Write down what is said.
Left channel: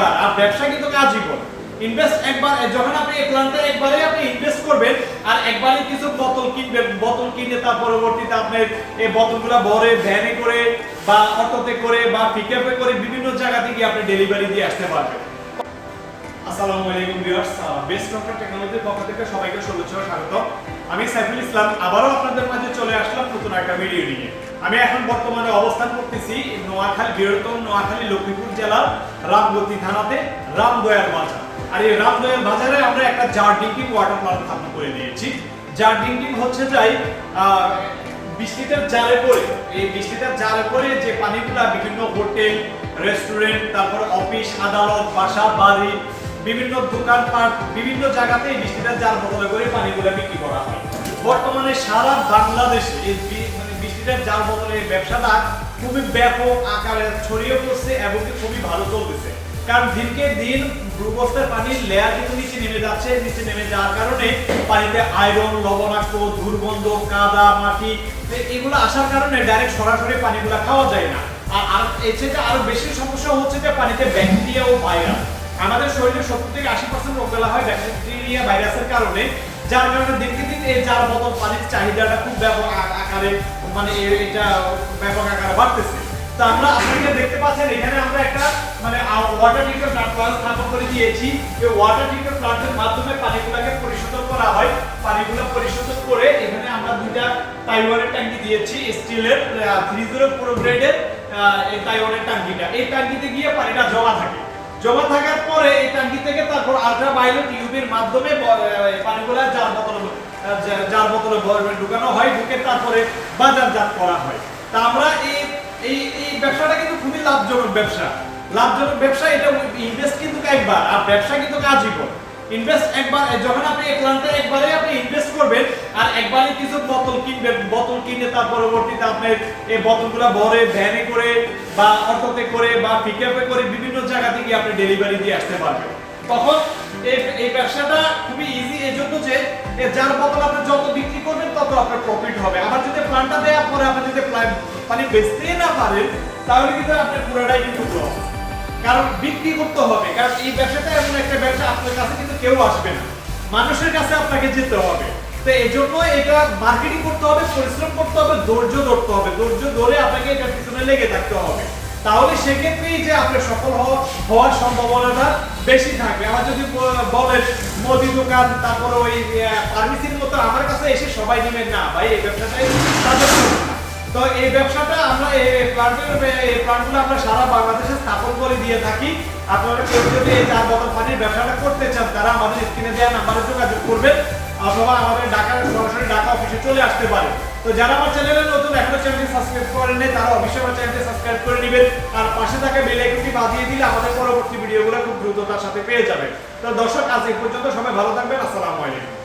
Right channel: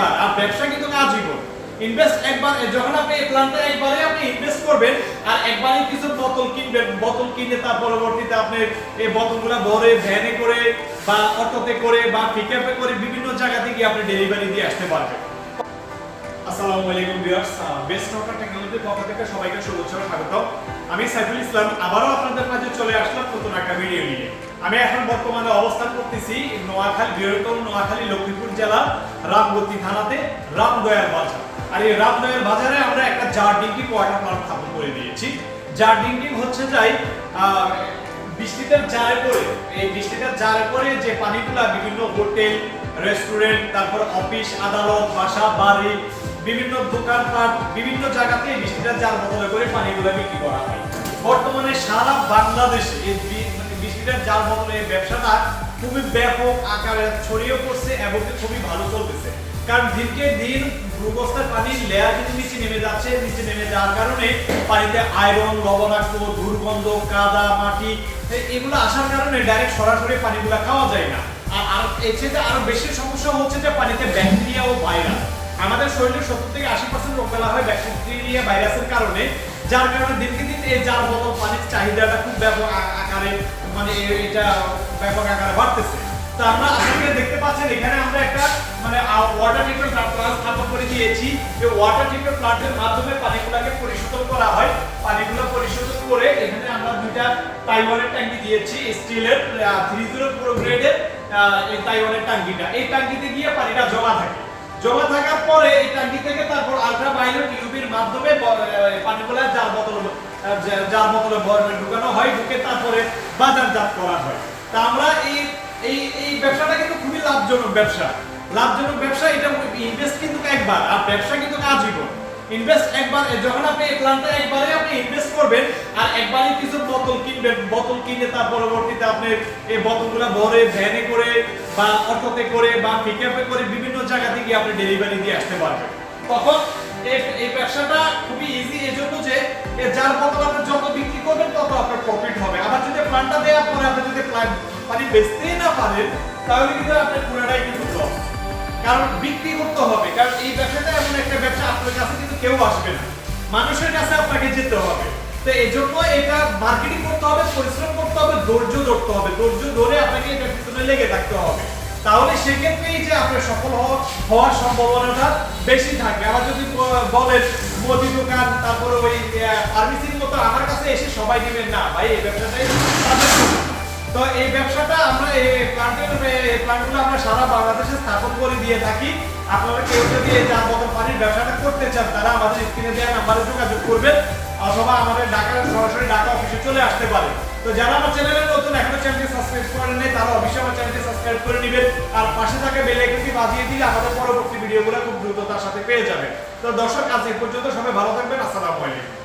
একবার আর ব্যবসা কিন্তু আজীবন। ইনভেস্ট একবার, যখন আপনি এই প্ল্যানটা একবারে আপনি ইনভেস্ট করবেন আর একবারই কিছু বোতল কিনবেন, বোতল কিনে তার পরবর্তীতে আপনি এই বোতলগুলো ভরে ভ্যানে করে বা অটোতে করে বা পিকআপে করে বিভিন্ন জায়গা থেকে আপনি ডেলিভারি দিয়ে আসতে পারবেন। আসসালামু আলাইকুম ভিউয়ার্স, বেস্ট ডক্টর টেকনোলজির পক্ষ থেকে সবাইকে শুভেচ্ছা ও স্বাগত। আমি সাইফুল ইসলাম আবারও আপনাদের মাঝে চলে আসলাম নতুন একটা ভিডিও নিয়ে। আমি এখন বর্তমানে অবস্থান করতেছি নোয়াখালী, বৃহত্তম নোয়াখালী লক্ষ্মীপুর জেলার রামগতি থানাতে রামদয়ার বাজার। আর এই রামদয়ার বাজারে আমরা একটা জার ড্রিঙ্কিং ওয়াটার প্লান্ট স্থাপন করে দিয়েছি। জার ড্রিঙ্কিং হচ্ছে যাই বৃষ্টিতে জারে পড়ে, এই বৃষ্টিতে জারে পড়ে যে পানিগুলা বিভিন্ন হোটেল, রেস্টুরেন্ট, তারপর অফিস, আদালত, বাসা, বাড়ি, বিভিন্ন দোকানপাট, বিভিন্ন জায়গাতে বৃষ্টিটা জার বদলে করে পানিগুলো বিক্রি করা হয়। বর্তমানে সারা বাংলাদেশে এই বৃষ্টিটার জার বদলে ব্যবসাটা খুবই ব্যাপক আকারে ছড়িয়ে পড়ছে এবং খুবই ভালো চলতেছে। কারণ দিনকে দিন ভূগর্ভের পানির লেয়ার কিন্তু নিচে নেমে যাচ্ছে। নিচে নেমে যাওয়ার কারণে পানিতে আয়রন, লবণাক্ত, দুর্গন্ধ, কাদা, মাটি এগুলো আসার কারণে ডাইরেক্ট সরাসরি পানিগুলো খাওয়া যায় না। আর এর চেয়ে আরো বেশি সমস্যা হচ্ছে যে পানিতে ব্যাকটেরিয়া ও ভাইরাস। আমাদের শরীরে 70 থেকে 80% রোগবালা হয় ব্যাকটেরিয়া ভাইরাসের কারণে, যার কারণে দিনকে দিন এই জার বোতল পানির চাহিদাটা খুব ব্যাপক আকারে এটা ব্যাপক আকারে বাড়তেছে। তো আমরা আপনাকে দেখতে পাচ্ছেন এখানে আমরা একটা ওয়াটার ট্রিটমেন্ট প্লান্ট স্থাপন করে দিয়েছি। এই ওয়াটার ট্রিটমেন্ট প্লান্টের মাধ্যমে পানিগুলোকে পরিশোধন করা হয়। পানিগুলো পরিশোধন করে এখানে আমরা দুইটা তাইওয়ানের ট্যাঙ্কি দিয়েছি, স্টিলের 304 গ্রেডের এই তাইওয়ানের ট্যাঙ্কিটা। এই ট্যাঙ্কিতে গিয়ে পানিটা জমা থাকার পরে এই ট্যাঙ্কি থেকে তারপর আল্ট্রাভায়োলেট ইউভির মাধ্যমে পানিগুলো জার বোতলে ঢুকানো হয়, ঢুকে তারপরে বাজারজাত করা হয়। তা আমরা এই ব্যবসাটা কিন্তু খুবই লাভজনক ব্যবসা। এটা ইনভেস্ট কিন্তু একবার আর ব্যবসা কিন্তু আজীবন। ইনভেস্ট একবার, যখন আপনি এই প্ল্যানটা একবারে আপনি ইনভেস্ট করবেন আর একবারই কিছু বোতল কিনবেন, বোতল কিনে তার পরবর্তীতে আপনি এই বোতলগুলো ভরে ভ্যানে করে বা অটোতে করে বা পিকআপে করে বিভিন্ন জায়গা থেকে আপনি ডেলিভারি দিয়ে আসতে পারবেন। তখন এই ব্যবসাটা খুবই ইজি, এজন্য যে যার বোতল আপনি যত বিক্রি করবেন তত আপনার প্রফিট হবে। আবার যদি প্ল্যানটা দেওয়ার পরে আপনি যদি পানি বেচতেই না পারেন তাহলে কিন্তু আপনার পুরোটাই কিন্তু লস। কারণ বিক্রি করতে হবে, কারণ এই ব্যবসাটা এমন একটা ব্যবসা আপনার কাছে কিন্তু কেউ আসবে না, মানুষের কাছে আপনাকে যেতে হবে। তো এই জন্য এটা মার্কেটিং করতে হবে, পরিশ্রম করতে হবে, ধৈর্য ধরতে হবে। ধৈর্য ধরে আপনাকে এটার পিছনে লেগে থাকতে হবে, তাহলে সেক্ষেত্রেই যে আপনার সফল হওয়ার সম্ভাবনাটা বেশি থাকবে। আবার যদি বলেন মুদি দোকান, তারপরে ওই ফার্মেসির মতো আমার কাছে এসে সবাই নেবেন না ভাই, এই ব্যবসাটাই তাদের। তো এই ব্যবসাটা আমরা এই প্ল্যান্টগুলো আমরা সারা বাংলাদেশে স্থাপন করে দিয়ে থাকি। আপনারা কেউ যদি এই জার বোতল পানির ব্যবসাটা করতে চান তারা আমাদের স্ক্রিনে দেওয়া নাম্বারে যোগাযোগ করবেন অথবা আমাদের সরাসরি ঢাকা অফিসে চলে আসতে পারে। তো যারা আমার চ্যানেলে নতুন, এখনো চ্যানেলটি সাবস্ক্রাইব করেন নাই তারা অবশ্যই আমার চ্যানেলটি সাবস্ক্রাইব করে নেবেন আর পাশে থাকা বেল আইকনটি বাজিয়ে দিলে আমাদের পরবর্তী ভিডিওগুলো খুব দ্রুততার সাথে পেয়ে যাবেন। তো দর্শক, আজ এই পর্যন্ত, সবাই ভালো থাকবেন। আসসালামু আলাইকুম।